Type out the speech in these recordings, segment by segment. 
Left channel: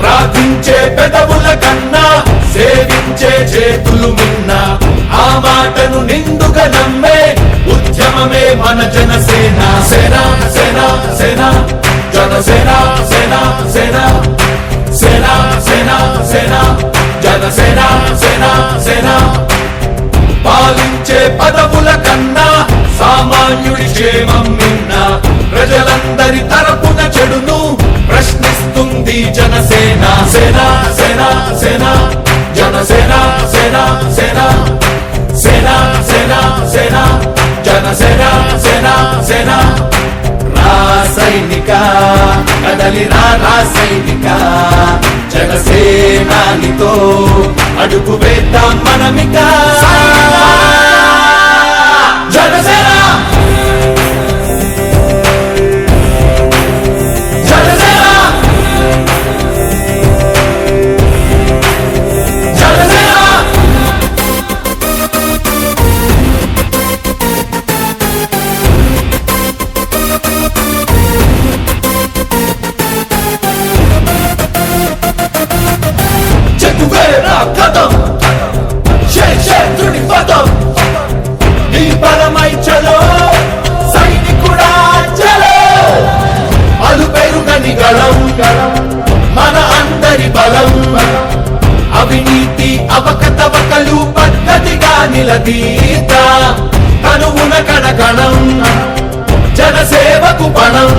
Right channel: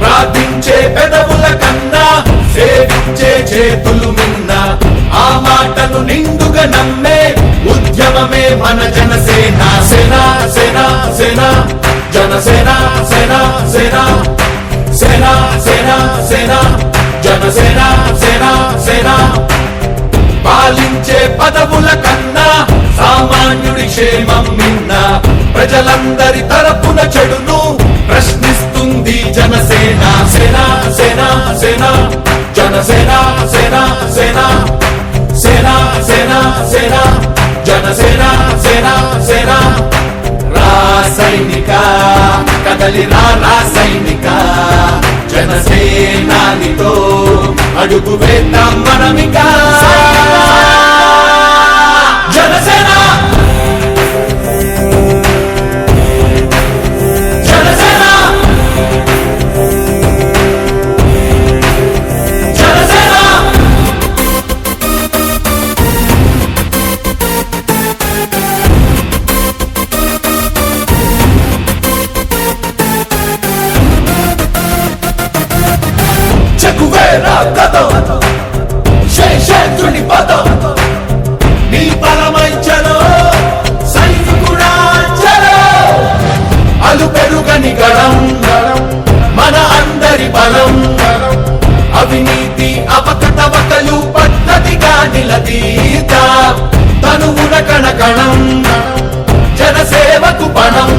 ప్రార్థించే పెదవుల కన్నా సేవించే చేతులు మిన్నా ఆ మాటను నిండుగా నమ్మే ఉద్యమమే మన జనసేన. సేన సేన సేన జనసేన సేన సేన సేన సేన సేన జనసేన సేన సేన. పాలించే పదవుల కన్నా సామాన్యుడి క్షేమం మిన్నా ప్రజలందరి తరపున చెడును ప్రశ్నిస్తుంది జనసేన. సేన సేన సేన జనసేన సేన సేన సేన సేన సేన జనసేన సేన సేన. రాసైనిక కదలిరా రాసైనిక జనసేనానితో అడుగు వేద్దాం మనమిక. జనసేన జనసేన జనసేన. చెగువేరా కదం శేషేంద్రుడి పదం నీ బలమై చలో సైనికుడా చలో. అలు పెరుగని గళం మన అందరి బలం అవినీతి అవకతవకలు పద్ధతిగా నిలదీత తనువున కణకణం జనసేవకు పణం.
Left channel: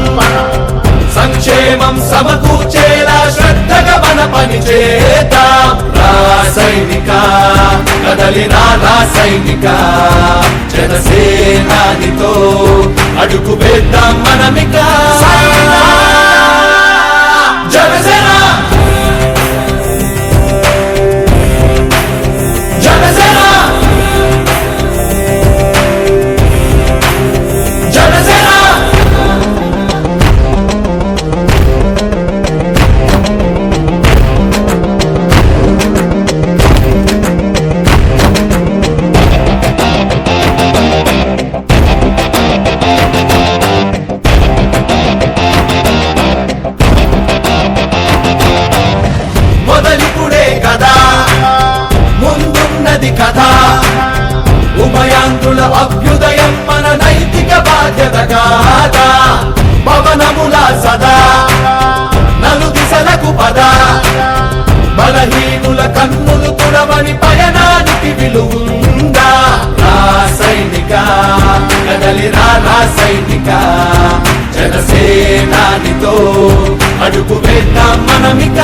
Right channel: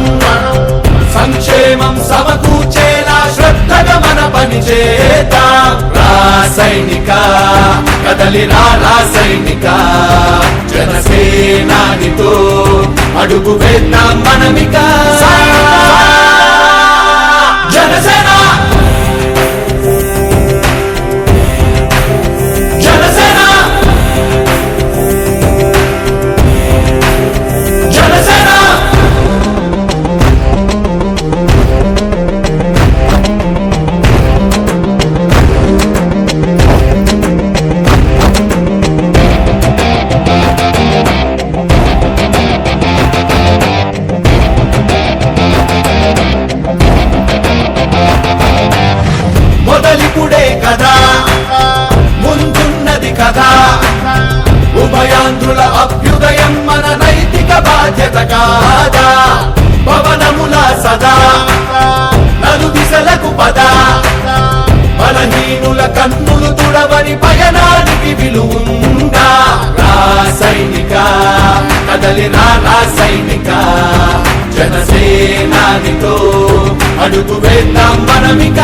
సంక్షేమం సమకూర్చేలా శ్రద్ధగా మన పని చేద్దాం. రాసైనిక కదలిరా రాసైనిక జనసేనానితో అడుగు వేద్దాం మనమిక. జనసేన జనసేన జనసేన. మొదలిపుడే కదా ముందున్నది కదా ఉభయాంధ్రుల అభ్యుదయం మన నైతిక బాధ్యత కాదా. పవనముల సదా నలు దిశలకు పద బలహీనుల కన్నులు తుడవని పయనానికి విలువుందా. రాసైనిక కదలిరా రాసైనిక జనసేనానితో అడుగు వేద్దాం మనమిక.